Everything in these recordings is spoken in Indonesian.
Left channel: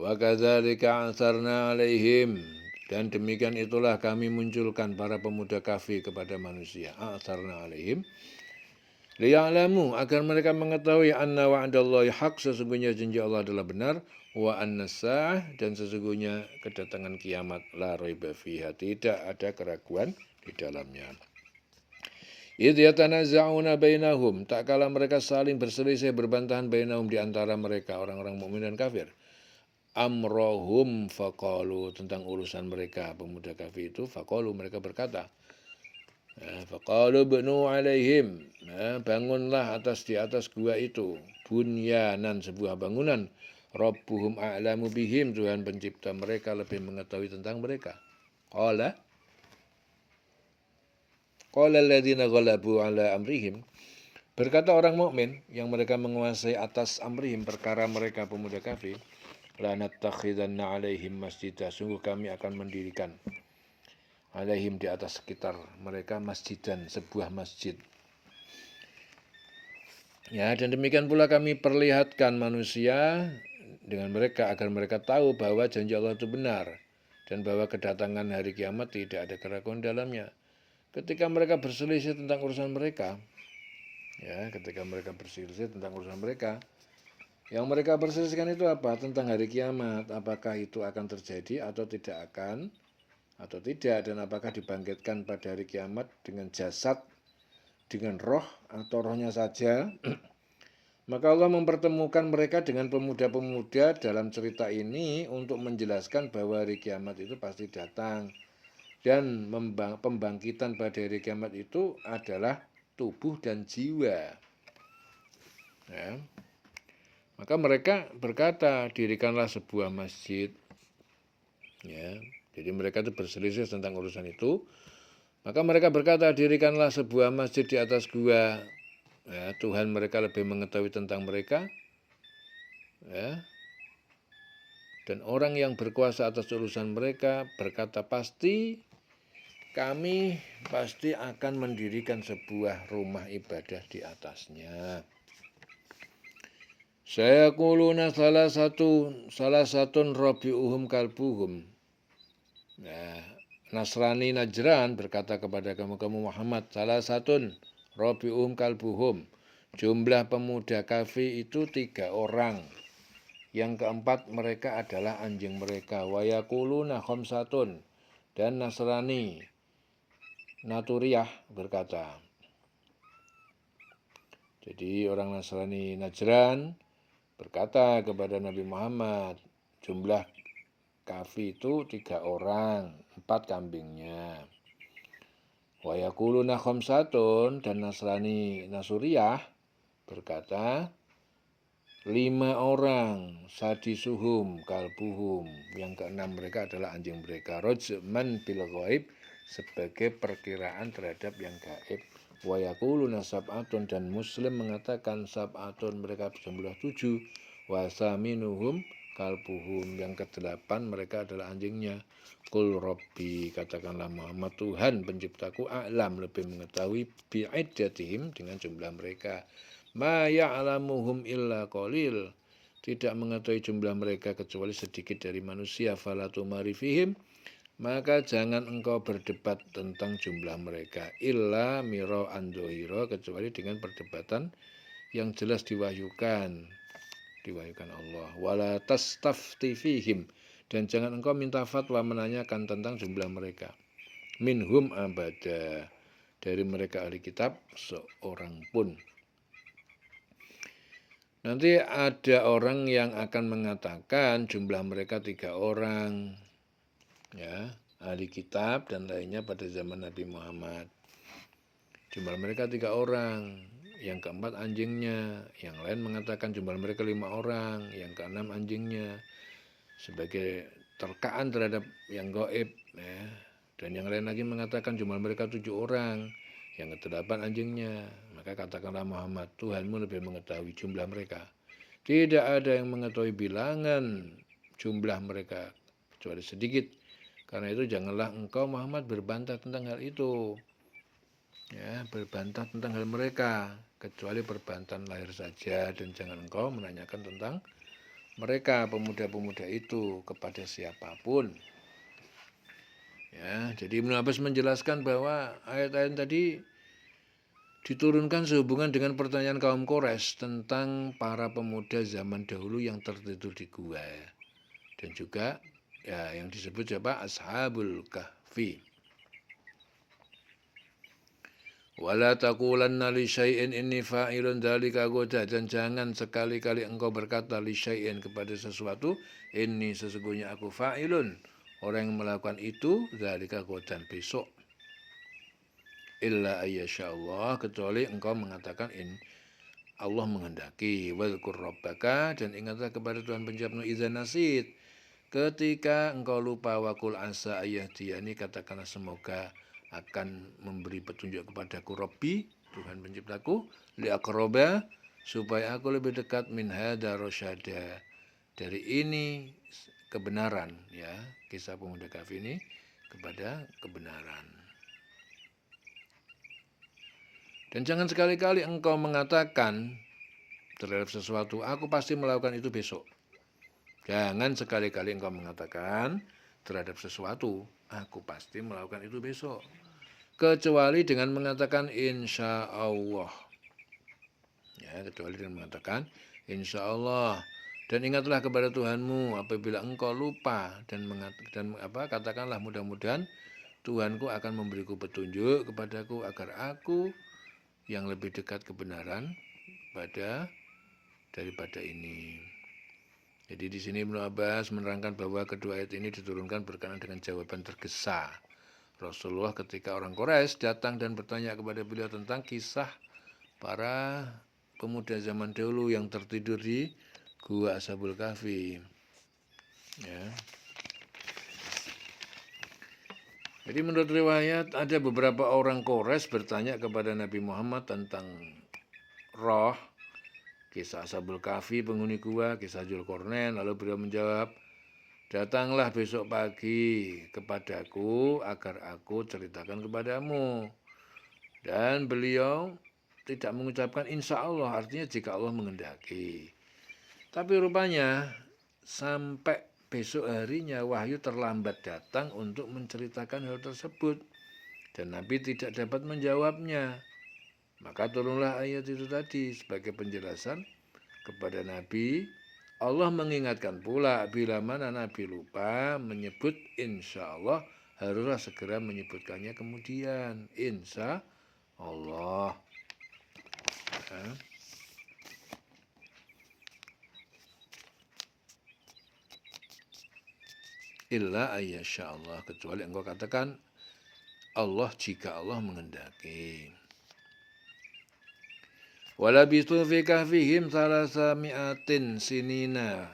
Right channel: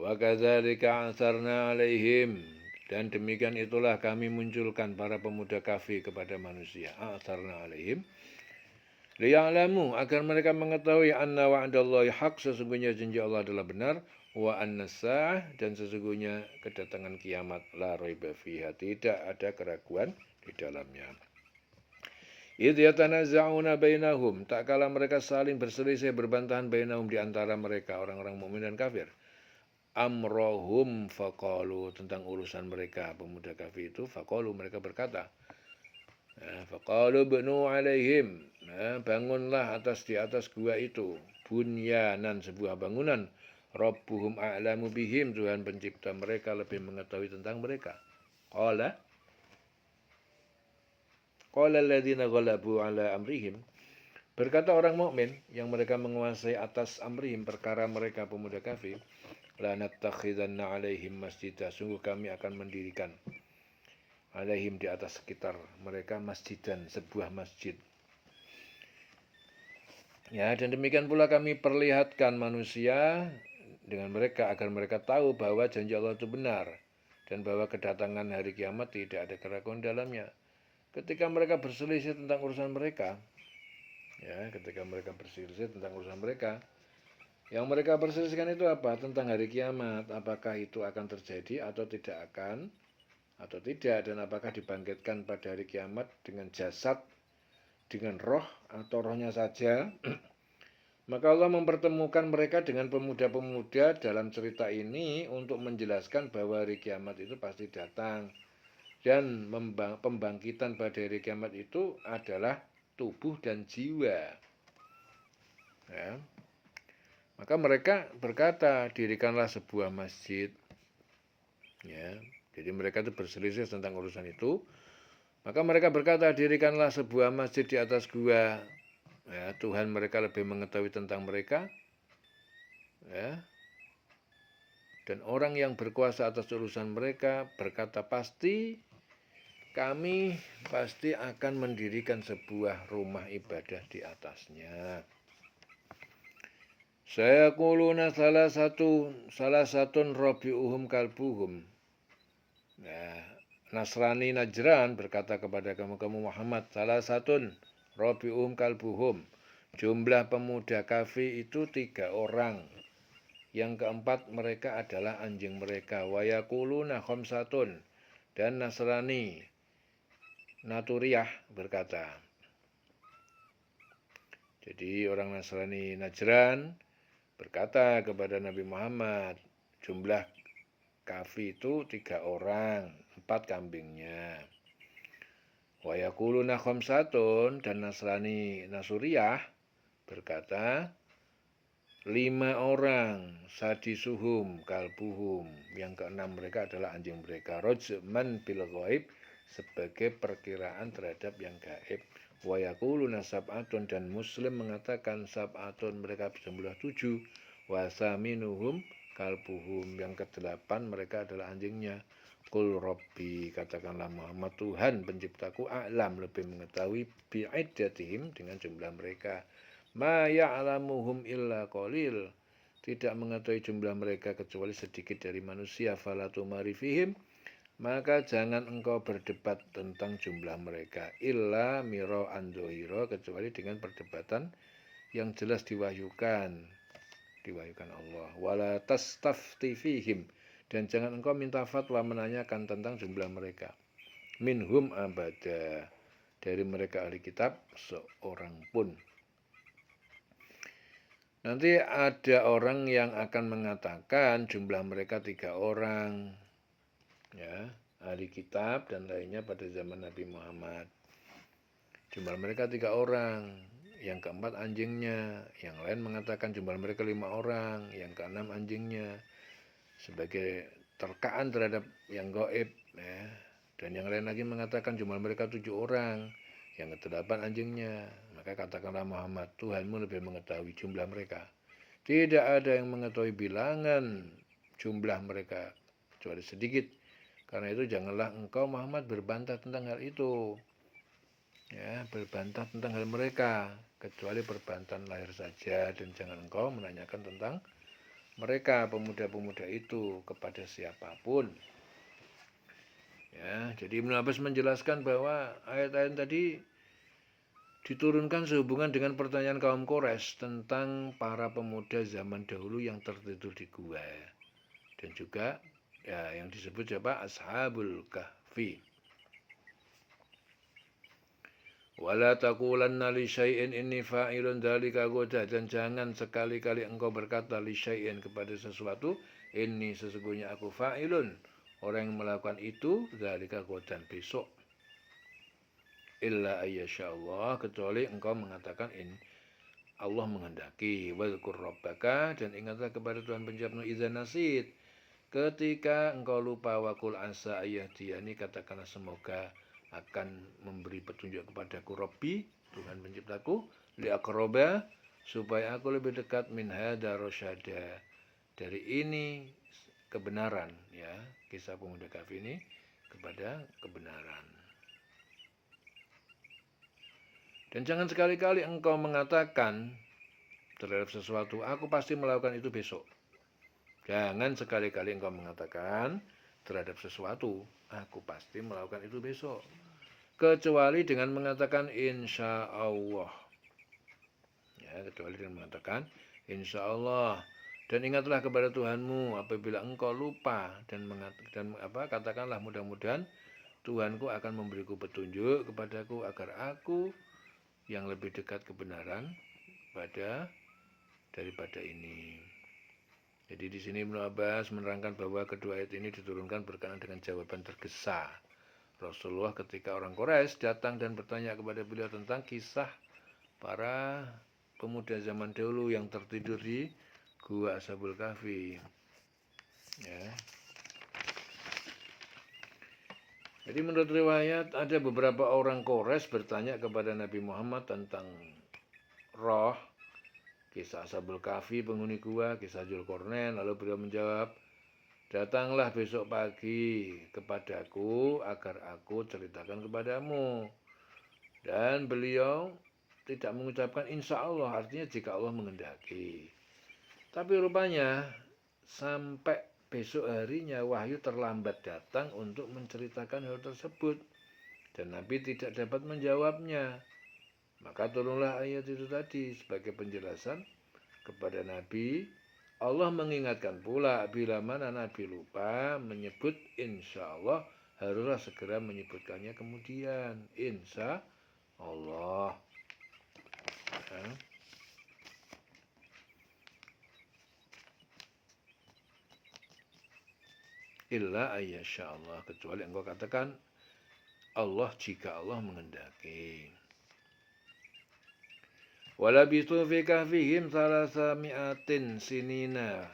Wa kadzalika asarna alaihim, dan demikian itulah kami munculkan para pemuda kafir kepada manusia. Asarna alaihim liya'lamu, agar mereka mengetahui anna wa'dallahi haq, sesungguhnya janji Allah adalah benar, wa anna sa'ah, dan sesungguhnya kedatangan kiamat la raiba fiha, tidak ada keraguan di dalamnya. Idh yatanazza'una bainahum, tak kala mereka saling berselisih berbantahan bainahum di antara mereka orang-orang mukmin dan kafir. Amrohum faqalu, tentang urusan mereka pemuda kafir itu, faqalu, mereka berkata, faqalu bnu alaihim, bangunlah di atas gua itu bunyanan, sebuah bangunan, rabbuhum a'lamu bihim, Tuhan pencipta mereka lebih mengetahui tentang mereka. Qala alladzina ghalabu ala amrihim, berkata orang mukmin yang mereka menguasai atas amrihim, perkara mereka pemuda kafir, la nattakhidanna alaihim masjidah, sungguh kami akan mendirikan alaihim, di atas sekitar mereka, masjidan, sebuah masjid. Ya, dan demikian pula kami perlihatkan manusia dengan mereka agar mereka tahu bahwa janji Allah itu benar dan bahwa kedatangan hari kiamat tidak ada keraguan dalamnya. Ketika mereka berselisih tentang urusan mereka, yang mereka perselisihkan itu apa? Tentang hari kiamat, apakah itu akan terjadi atau tidak akan, atau tidak, dan apakah dibangkitkan pada hari kiamat dengan jasad, dengan roh, atau rohnya saja. Maka Allah mempertemukan mereka dengan pemuda-pemuda dalam cerita ini untuk menjelaskan bahwa hari kiamat itu pasti datang, dan pembangkitan pada hari kiamat itu adalah tubuh dan jiwa. Ya. Maka mereka berkata, dirikanlah sebuah masjid. Ya. Jadi mereka itu berselisih tentang urusan itu. Maka mereka berkata, dirikanlah sebuah masjid di atas gua. Ya, Tuhan mereka lebih mengetahui tentang mereka. Ya. Dan orang yang berkuasa atas urusan mereka berkata, kami pasti akan mendirikan sebuah rumah ibadah di atasnya. Saya kuluna salah satu rabi'uhum kalbuhum. Ya, Nasrani Najran berkata kepada kamu Muhammad, salah satu rabi'uhum kalbuhum. Jumlah pemuda kafir itu 3 orang. Yang keempat mereka adalah anjing mereka. Wa yaquluna khamsatun, dan Nasrani Naturiyah berkata. Jadi orang Nasrani Najran berkata kepada Nabi Muhammad, jumlah kafir itu 3 orang, 4 kambingnya. Wa yaquluna khamsatun, dan Nasrani Nasuriyah berkata 5 orang, sadisuhum kalbuhum, yang keenam mereka adalah anjing mereka, rajman bil ghaib, sebagai perkiraan terhadap yang gaib. Wa yaquluna sab'atun, dan Muslim mengatakan sab'atun, mereka berjumlah 7, wa saminuhum kalbuhum, yang ke-8 mereka adalah anjingnya. Qul rabbi, katakanlah Muhammad, Tuhan penciptaku, a'lam, lebih mengetahui, bi'iddatihim, dengan jumlah mereka. Ma ya'lamuhum illa qalil, tidak mengetahui jumlah mereka kecuali sedikit dari manusia. Fala tumari fihim, maka jangan engkau berdebat tentang jumlah mereka, illa miro andohiro, kecuali dengan perdebatan yang jelas diwahyukan Allah. Wala tastafti fihim, dan jangan engkau minta fatwa menanyakan tentang jumlah mereka. Minhum abada, dari mereka ahli kitab seorang pun. Nanti ada orang yang akan mengatakan jumlah mereka 3 orang, ya, ahli kitab dan lainnya pada zaman Nabi Muhammad. Jumlah mereka 3 orang, yang keempat anjingnya, yang lain mengatakan jumlah mereka 5 orang, yang keenam anjingnya, sebagai terkaan terhadap yang gaib, ya. Dan yang lain lagi mengatakan jumlah mereka 7 orang, yang ke-8 anjingnya. Maka katakanlah Muhammad, Tuhanmu lebih mengetahui jumlah mereka. Tidak ada yang mengetahui bilangan jumlah mereka kecuali sedikit. Karena itu janganlah engkau Muhammad berbantah tentang hal itu. Ya, berbantah tentang hal mereka, kecuali perbantahan lahir saja, dan jangan engkau menanyakan tentang mereka pemuda-pemuda itu kepada siapapun. Ya, jadi Ibnu Abbas menjelaskan bahwa ayat-ayat tadi diturunkan sehubungan dengan pertanyaan kaum Quraisy tentang para pemuda zaman dahulu yang tertidur di gua. Dan juga ya yang disebut siapa? Ashabul Kahfi. Wala taqulanna li syai'in inni fa'ilun dzalika ghadan, dan jangan sekali-kali engkau berkata li syai'in kepada sesuatu, inni sesungguhnya aku fa'ilun, orang yang melakukan itu dzalika ghadan besok. Illa ayyashallah, kecuali engkau mengatakan Allah menghendaki. Wadhkur rabbaka, dan ingatlah kepada Tuhan penciptamu idza nasid, ketika engkau lupa, wakul asa ayahdiyani, katakanlah semoga akan memberi petunjuk kepadaku Rabbi, Tuhan penciptaku, liaqroba, supaya aku lebih dekat min hada rosyada, dari ini kebenaran, ya, kisah pemuda Kahfi ini kepada kebenaran. Dan jangan sekali-kali engkau mengatakan terhadap sesuatu, aku pasti melakukan itu besok. Jangan sekali-kali engkau mengatakan terhadap sesuatu, aku pasti melakukan itu besok. Kecuali dengan mengatakan insya Allah. Ya, kecuali dengan mengatakan insya Allah. Dan ingatlah kepada Tuhanmu apabila engkau lupa, dan katakanlah mudah-mudahan Tuhanku akan memberiku petunjuk kepadaku agar aku yang lebih dekat kebenaran daripada ini. Jadi di sini Ibnu Abbas menerangkan bahwa kedua ayat ini diturunkan berkenaan dengan jawaban tergesa Rasulullah ketika orang Quraisy datang dan bertanya kepada beliau tentang kisah para pemuda zaman dahulu yang tertidur di gua Ashabul Kahfi. Ya. Jadi menurut riwayat ada beberapa orang Quraisy bertanya kepada Nabi Muhammad tentang roh, kisah Ashabul Kahfi, penghuni gua, kisah Dzulqarnain. Lalu beliau menjawab, datanglah besok pagi kepadaku agar aku ceritakan kepadamu. Dan beliau tidak mengucapkan insya Allah, artinya jika Allah menghendaki. Tapi rupanya sampai besok harinya wahyu terlambat datang untuk menceritakan hal tersebut, dan Nabi tidak dapat menjawabnya. Maka turunlah ayat itu tadi sebagai penjelasan kepada Nabi. Allah mengingatkan pula bila mana Nabi lupa menyebut insya Allah, haruslah segera menyebutkannya kemudian. Insya Allah. Ya. Illa ayyasha Allah, kecuali engkau katakan Allah jika Allah menghendaki. Walabistu fi kahfihim salasa mi'atin sinina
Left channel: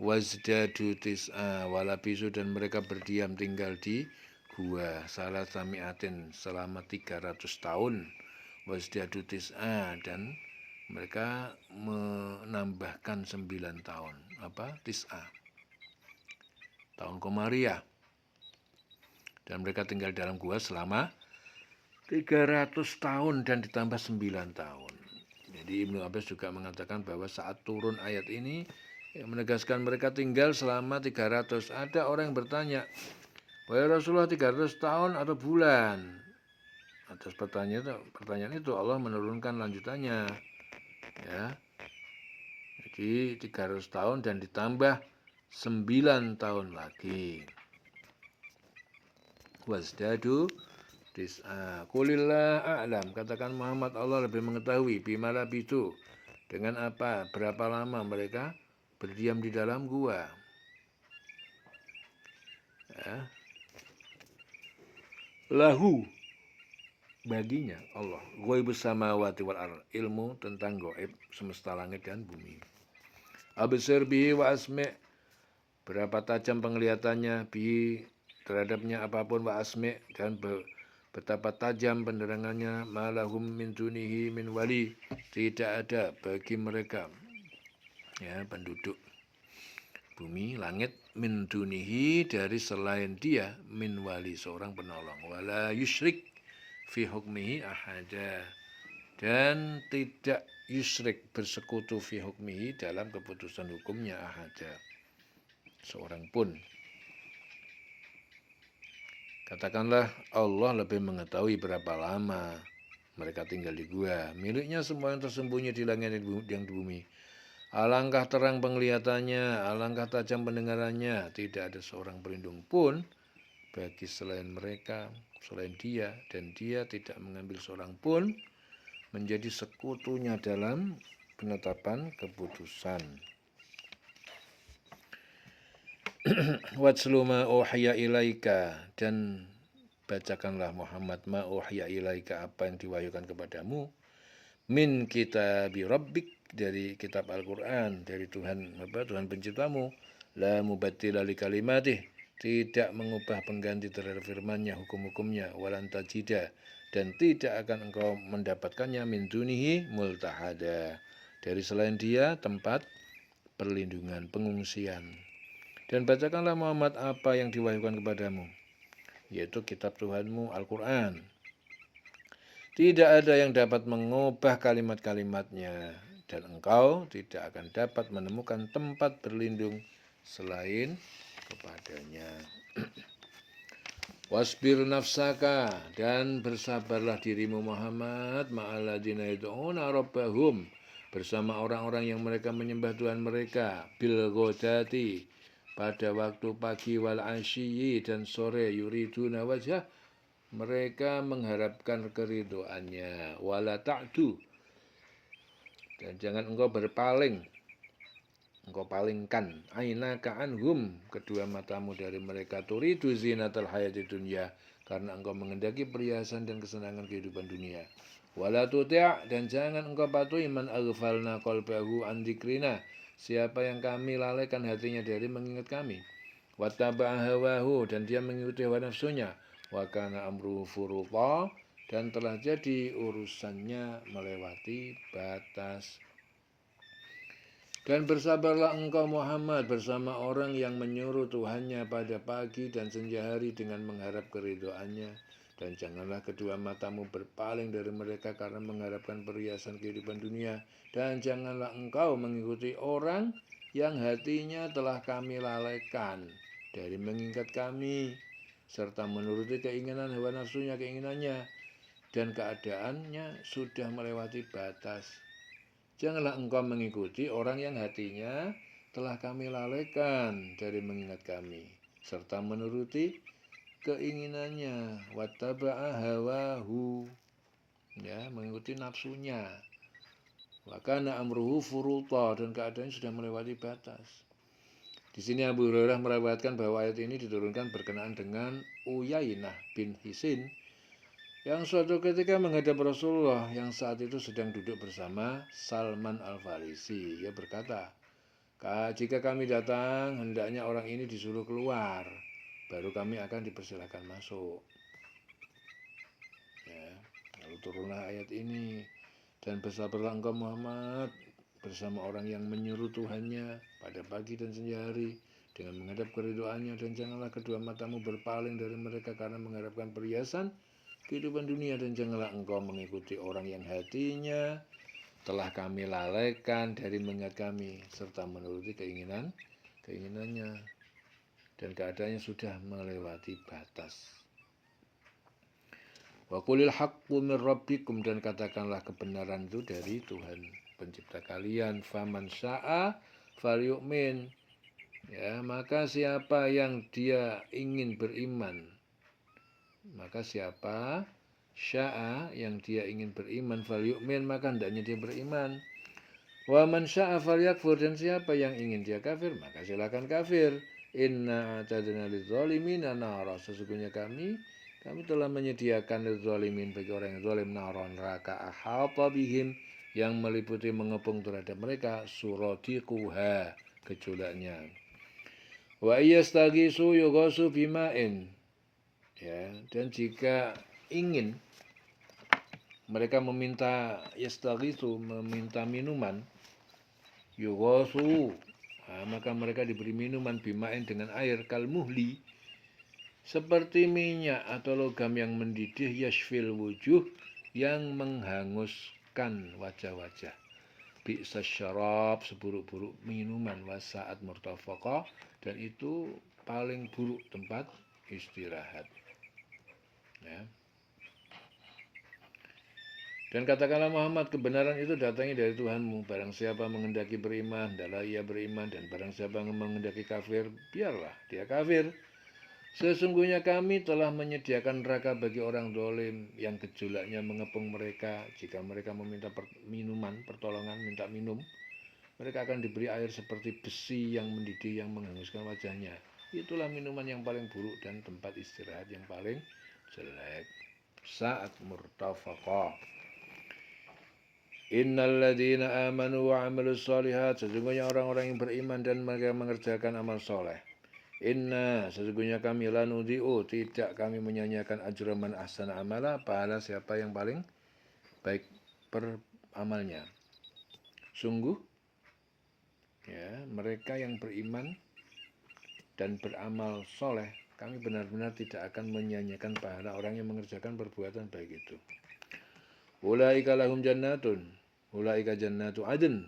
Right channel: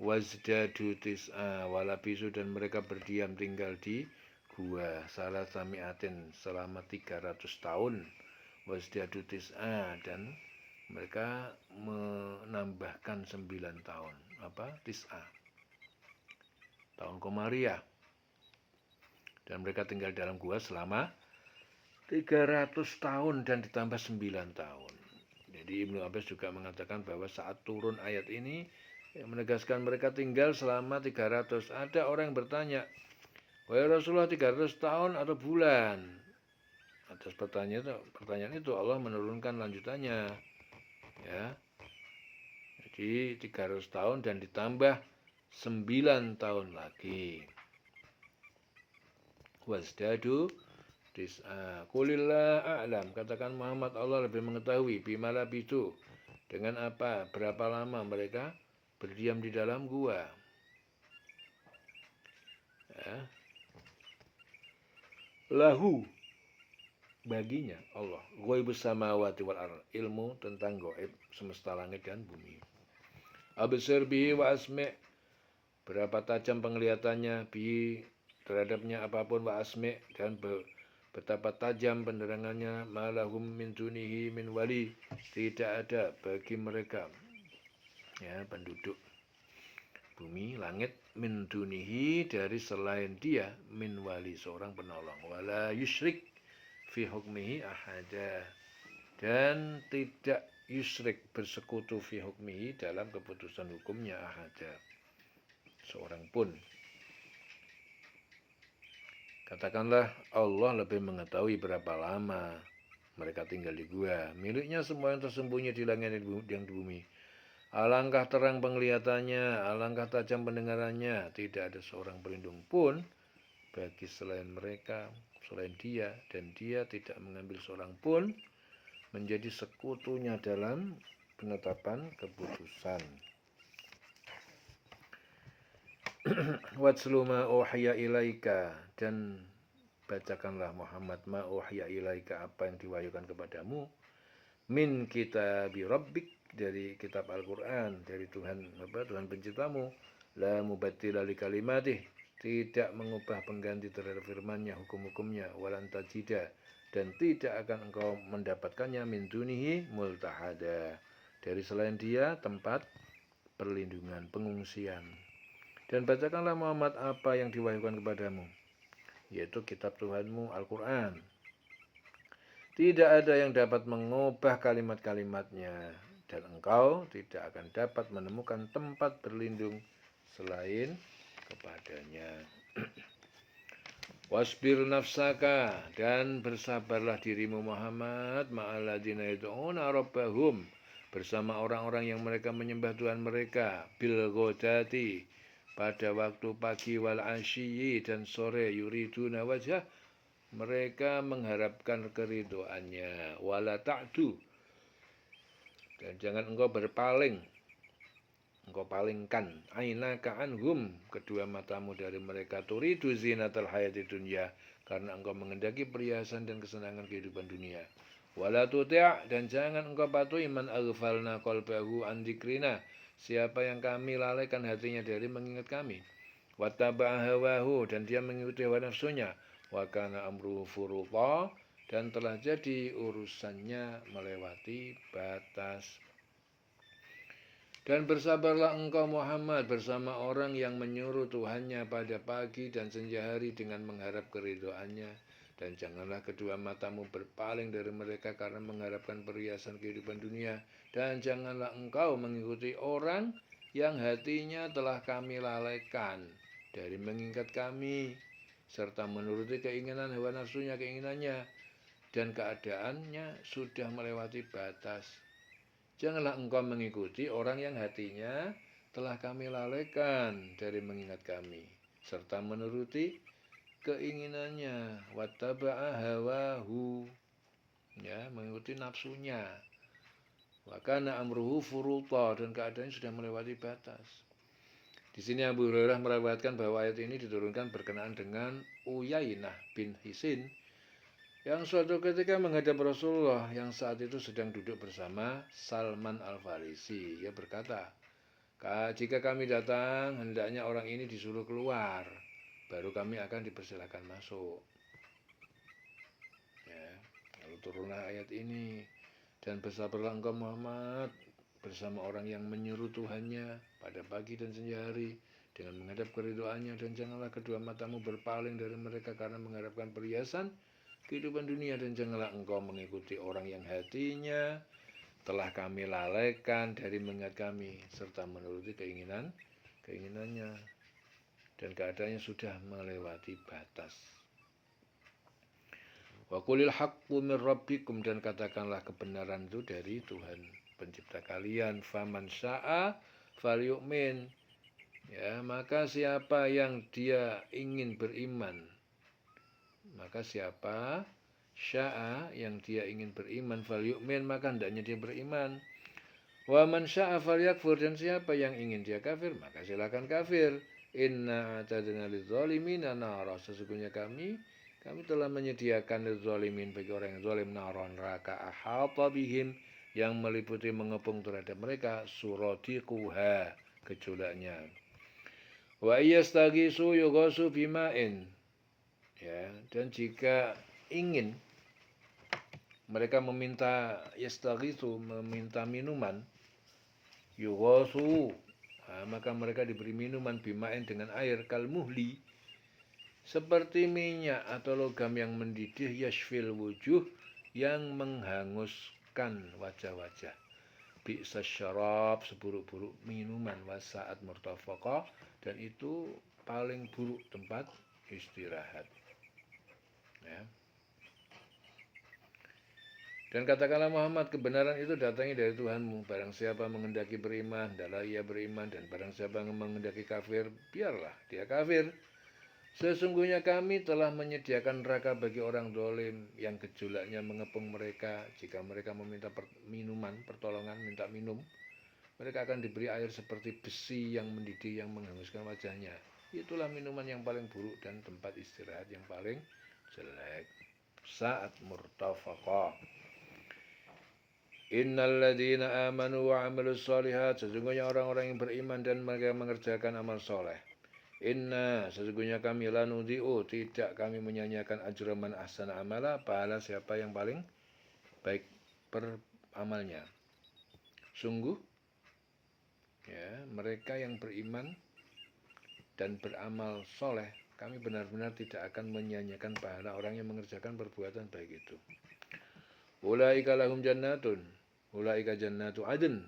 wazdadu tis'a, walabisu, dan mereka berdiam tinggal di gua salasa mi'atin selama 300 tahun, wazdadu tis'a, dan mereka menambahkan 9 tahun, tis'a, tahun Komariah. Dan mereka tinggal dalam gua selama 300 tahun dan ditambah 9 tahun. Jadi Ibnu Abbas juga mengatakan bahwa saat turun ayat ini menegaskan mereka tinggal selama 300. Ada orang yang bertanya, wahai Rasulullah, 300 tahun atau bulan? Atas pertanyaan itu Allah menurunkan lanjutannya. Ya. Jadi 300 tahun dan ditambah 9 tahun lagi. Wasdadu tis'a. Qulillah a'lam, katakan Muhammad, Allah lebih mengetahui bimala bitu, dengan apa, berapa lama mereka berdiam di dalam gua. Ya. Lahu, baginya Allah, ghaibus samawati wal ardh, ilmu tentang gaib semesta langit dan bumi. Absir bihi wa asmi', berapa tajam penglihatannya, bihi terhadapnya apapun, wa asmi', dan betapa tajam pendengarannya, malahum min dunihi min wali, tidak ada bagi mereka, ya, penduduk bumi langit, min dunihi, dari selain dia, min wali, seorang penolong, wala yusyrik fi hukmihi ahada, dan tidak yusyrik bersekutu fi hukmihi dalam keputusan hukumnya ahada seorang pun. Katakanlah Allah lebih mengetahui berapa lama mereka tinggal di gua, miliknya semua yang tersembunyi di langit dan di bumi. Alangkah terang penglihatannya, alangkah tajam pendengarannya, tidak ada seorang pelindung pun bagi selain mereka, selain dia, dan dia tidak mengambil seorang pun menjadi sekutunya dalam penetapan keputusan. Watslu ma uhiya ilaika, dan bacakanlah Muhammad ma uhiya ilaika, apa yang diwahyukan kepadamu, min kitabi rabbik, dari kitab Al-Qur'an, dari Tuhan penciptamu, la mubaddila li kalimatih, tidak mengubah pengganti terhadap firman-Nya, hukum-hukumnya, walan tajida, dan tidak akan engkau mendapatkannya min dunihi multahada, dari selain dia tempat perlindungan, pengungsian. Dan bacakanlah Muhammad apa yang diwahyukan kepadamu, yaitu kitab Tuhanmu Al-Quran. Tidak ada yang dapat mengubah kalimat-kalimatnya, dan engkau tidak akan dapat menemukan tempat berlindung selain kepadanya. Wasbir nafsaka, dan bersabarlah dirimu Muhammad, ma'alladzina yad'una rabbahum, bersama orang-orang yang mereka menyembah Tuhan mereka, bil ghadati, pada waktu pagi, wal asyiyi, dan sore, yuriduna wajhah, mereka mengharapkan keridhoannya, wala ta'du, dan jangan engkau berpaling, engkau palingkan, ainaka anhum, kedua matamu dari mereka, turidu zinatal hayati dunya, karena engkau mengendaki perhiasan dan kesenangan kehidupan dunia. Wala tuti', dan jangan engkau patuhi man aghfalna qalbahu an dzikrina, siapa yang kami lalaikan hatinya dari mengingat kami. Wattaba'a hawahu, dan dia mengikuti hawa nafsunya. Wa kana amruhu furuta, dan telah jadi urusannya melewati batas. Dan bersabarlah engkau Muhammad bersama orang yang menyuruh Tuhannya pada pagi dan senja hari dengan mengharap keridhoannya. Dan janganlah kedua matamu berpaling dari mereka karena mengharapkan perhiasan kehidupan dunia. Dan janganlah engkau mengikuti orang yang hatinya telah kami lalaikan dari mengingat kami, serta menuruti keinginan hawa nafsunya, keinginannya, dan keadaannya sudah melewati batas. Janganlah engkau mengikuti orang yang hatinya telah kami lalaikan dari mengingat kami, serta menuruti keinginannya, wattaba'a hawahu, ya, mengikuti nafsunya. Wa kana amruhu furuta, dan keadaannya sudah melewati batas. Di sini Abu Hurairah meriwayatkan bahwa ayat ini diturunkan berkenaan dengan Uyainah bin Hisin yang suatu ketika menghadap Rasulullah yang saat itu sedang duduk bersama Salman Al-Farisi. Ia berkata, jika kami datang, hendaknya orang ini disuruh keluar, baru kami akan dipersilakan masuk. Ya, lalu turunlah ayat ini, dan bersabarlah engkau Muhammad bersama orang yang menyuruh Tuhannya pada pagi dan senja hari dengan menghadap keridhoannya, dan janganlah kedua matamu berpaling dari mereka karena mengharapkan perhiasan kehidupan dunia, dan janganlah engkau mengikuti orang yang hatinya telah kami lalaikan dari mengingat kami, serta menuruti keinginannya, dan keadaannya sudah melewati batas. Wa qulil haqqu min rabbikum, dan katakanlah kebenaran itu dari Tuhan pencipta kalian. Faman sya'a falyu'min, ya, maka siapa yang dia ingin beriman, maka siapa sya'a yang dia ingin beriman, falyu'min, maka hendaknya dia beriman. Wa man sya'a falyakfur, dan siapa yang ingin dia kafir, maka silakan kafir. Inna a'tadna lidzalimina nara, sesungguhnya kami telah menyediakan lidzalimin, bagi orang yang zalim, naron, neraka, ahata bihim, yang meliputi mengepung terhadap mereka, suradiquha, gejolaknya. Wa iyastagisu yughasu bima'in, ya, dan jika ingin mereka meminta yastaghisu, meminta minuman, yughasu, maka mereka diberi minuman, bima'in, dengan air, kalmuhli, seperti minyak atau logam yang mendidih, yashfil wujuh, yang menghanguskan merendahkan wajah-wajah. Bi'sa syarab, seburuk-buruk minuman, wasaat murtafaqa, dan itu paling buruk tempat istirahat. Ya. Dan katakanlah Muhammad, kebenaran itu datangnya dari Tuhanmu. Barang siapa menghendaki beriman, hendaklah ia beriman. Dan barang siapa menghendaki kafir, biarlah dia kafir. Sesungguhnya kami telah menyediakan neraka bagi orang dolim yang gejolaknya mengepung mereka. Jika mereka meminta minuman, pertolongan, minta minum, mereka akan diberi air seperti besi yang mendidih yang menghanguskan wajahnya. Itulah minuman yang paling buruk dan tempat istirahat yang paling jelek. Saat murtafaqah. Innalladzina amanu wa amilus sholihat, sesungguhnya orang-orang yang beriman dan mereka mengerjakan amal soleh. Inna, sesungguhnya kami lanudhi'u, tidak kami menyanyiakan ajraman ahsana amala, pahala siapa yang paling baik beramalnya. Sungguh, ya, mereka yang beriman dan beramal soleh, kami benar-benar tidak akan menyanyiakan pahala orang yang mengerjakan perbuatan baik itu. Ulaika lahum jannatun, ulaika jannatu adn.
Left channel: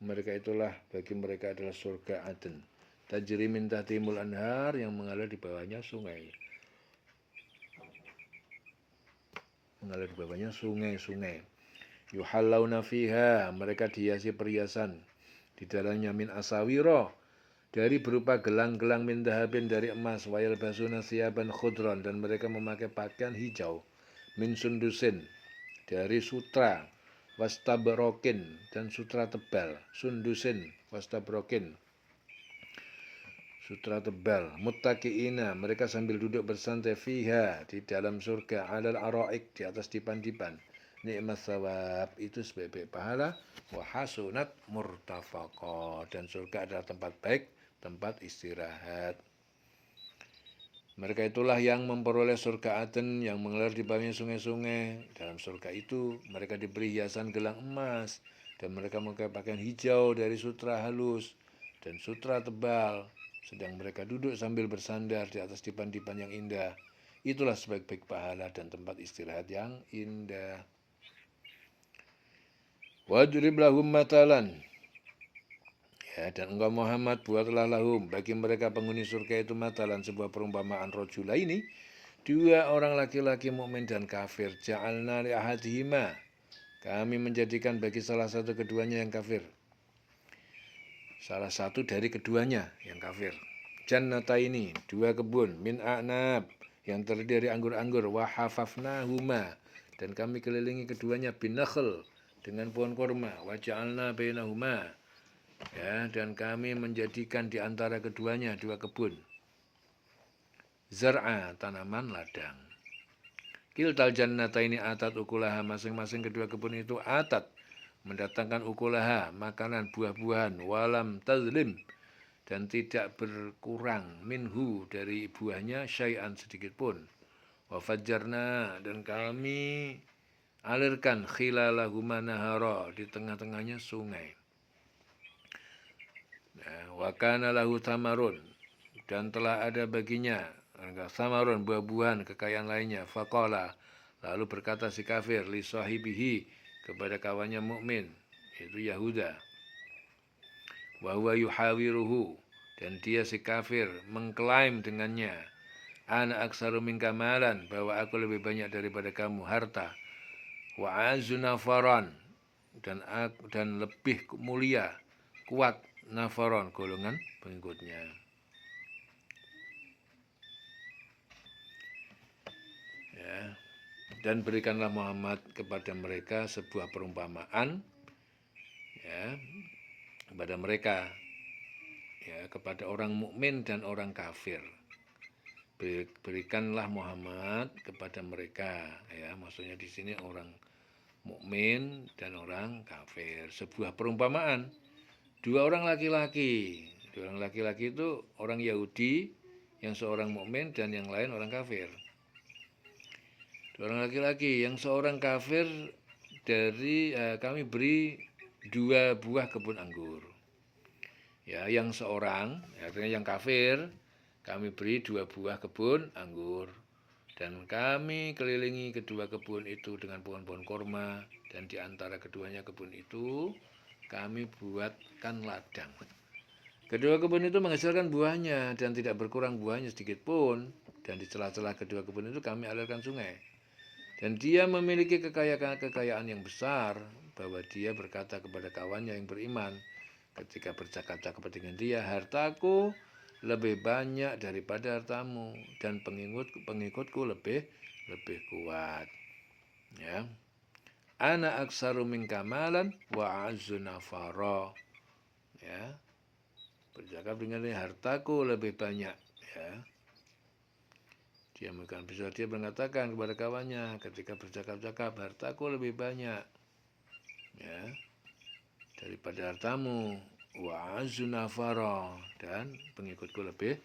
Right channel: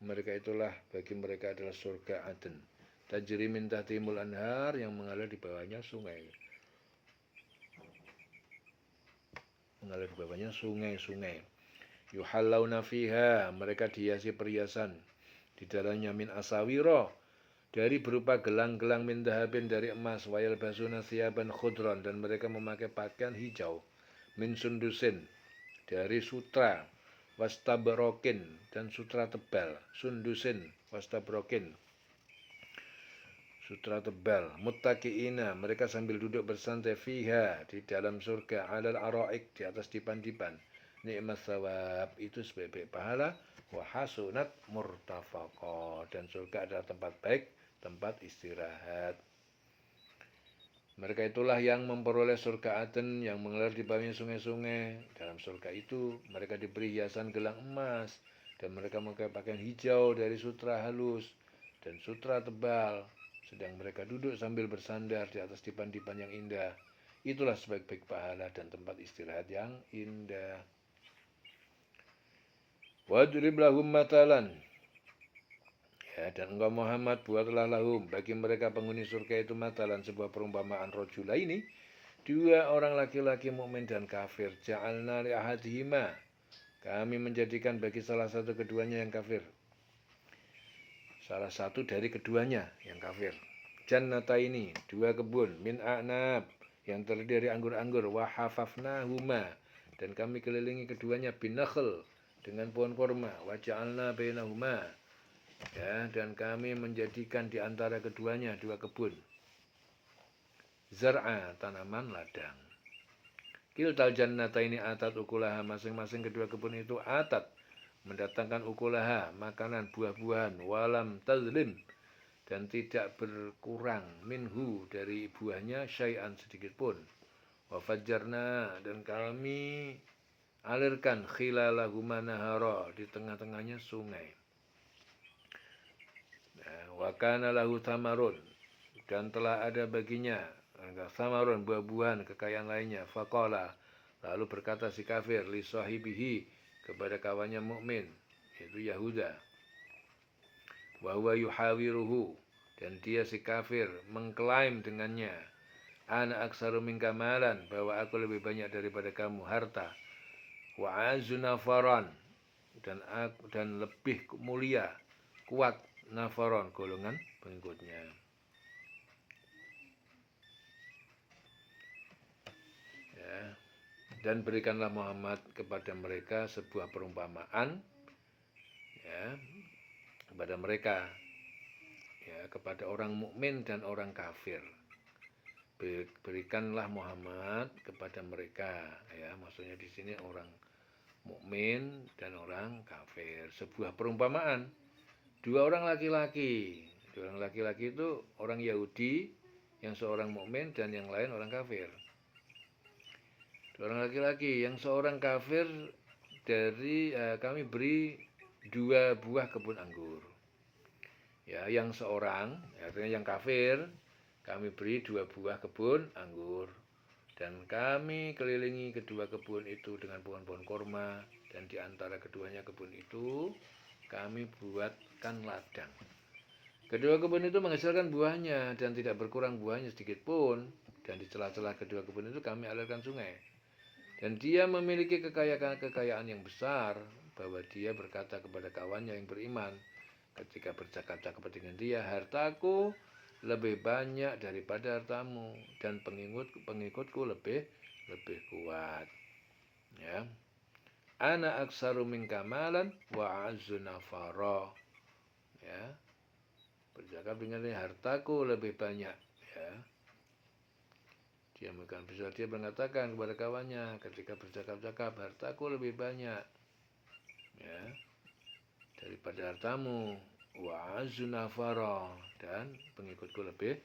Mereka itulah, bagi mereka adalah surga Aden. Tajri min tahtihimul anhar, yang mengalir di bawahnya sungai. Mengalir di bawahnya sungai-sungai. Yuhallawna fiha, mereka dihiasi perhiasan di dalamnya min asawiro, dari berupa gelang-gelang min dahabin, dari emas, wayal basuna siyaban khudron, dan mereka memakai pakaian hijau, min sundusin, dari sutra, wastabrokin, dan sutra tebal, sundusin, wastabrokin, sutra tebal, muttaqiina, mereka sambil duduk bersantai, fiha, di dalam surga, alal araik, di atas dipan-dipan, nikmat thawab, itu sebaik-baik pahala, wa hasunat murtafaqa, dan surga adalah tempat baik, tempat istirahat. Mereka itulah yang memperoleh surga Aden yang mengalir di bawahnya sungai-sungai. Dalam surga itu mereka diberi hiasan gelang emas, dan mereka memakai pakaian hijau dari sutra halus dan sutra tebal. Sedang mereka duduk sambil bersandar di atas dipan-dipan yang indah. Itulah sebaik-baik pahala dan tempat istirahat yang indah. Wadrib lahum matalan. Ya, dan engkau Muhammad buatlah lahum, bagi mereka penghuni surga itu, matalan, sebuah perumpamaan, rojula ini, dua orang laki-laki mukmin dan kafir. Ja'alna li ahadihima, kami menjadikan bagi salah satu keduanya yang kafir, salah satu dari keduanya yang kafir. Jannata ini, dua kebun, min a'nab, yang terdiri dari anggur-anggur, wa hafafnahuma, dan kami kelilingi keduanya bin nakhl, dengan pohon korma, wa ja'alna bainahuma, ya, dan kami menjadikan di antara keduanya dua kebun, zar'a, tanaman ladang. Kiltal jannata ini atat ukulaha, masing-masing kedua kebun itu atat, mendatangkan ukulaha, makanan buah-buahan, walam tazlim, dan tidak berkurang, minhu, dari buahnya, syai'an, sedikit pun. Wafajjarna, dan kami alirkan, khilalahuma nahara, di tengah-tengahnya sungai. Wa kana lahu thamarun, dan telah ada baginya thamarun, buah-buahan, kekayaan lainnya. Faqala, lalu berkata si kafir, li sahibihi, kepada kawannya mukmin, yaitu Yahuda, wa huwa yuhawiruhu, dan dia si kafir mengklaim dengannya, ana aksaru minka malan, bahwa aku lebih banyak daripada kamu harta, wa azu nafaran, dan lebih mulia, kuat, nafaron, golongan pengikutnya. Ya. Dan berikanlah Muhammad kepada mereka sebuah perumpamaan, ya, kepada mereka, ya, kepada orang mukmin dan orang kafir. Berikanlah Muhammad kepada mereka, ya, maksudnya di sini orang mukmin dan orang kafir, sebuah perumpamaan. Dua orang laki-laki itu orang Yahudi, yang seorang mukmin, dan yang lain orang kafir. Dua orang laki-laki, yang seorang kafir dari kami beri dua buah kebun anggur. Ya, yang seorang, artinya yang kafir, kami beri dua buah kebun anggur, dan kami kelilingi kedua kebun itu dengan pohon-pohon korma, Dan di antara keduanya kebun itu kami buatkan ladang. Kedua kebun itu menghasilkan buahnya dan tidak berkurang buahnya sedikit pun. Dan di celah-celah kedua kebun itu kami alirkan sungai. Dan dia memiliki kekayaan yang besar, bahwa dia berkata kepada kawannya yang beriman ketika bercakap-cakap dengan dia, hartaku lebih banyak daripada hartamu dan pengikutku lebih kuat. Ya. Ana aksaru minka malan wa a'azzu nafara. Ya. Bercakap dengan dia, hartaku lebih banyak. Ya. Dia mengatakan kepada kawannya ketika bercakap-cakap, hartaku lebih banyak, ya, daripada hartamu, wa a'azzu nafara, dan pengikutku lebih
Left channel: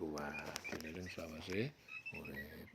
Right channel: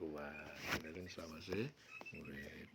kuat. Ini selawase urip.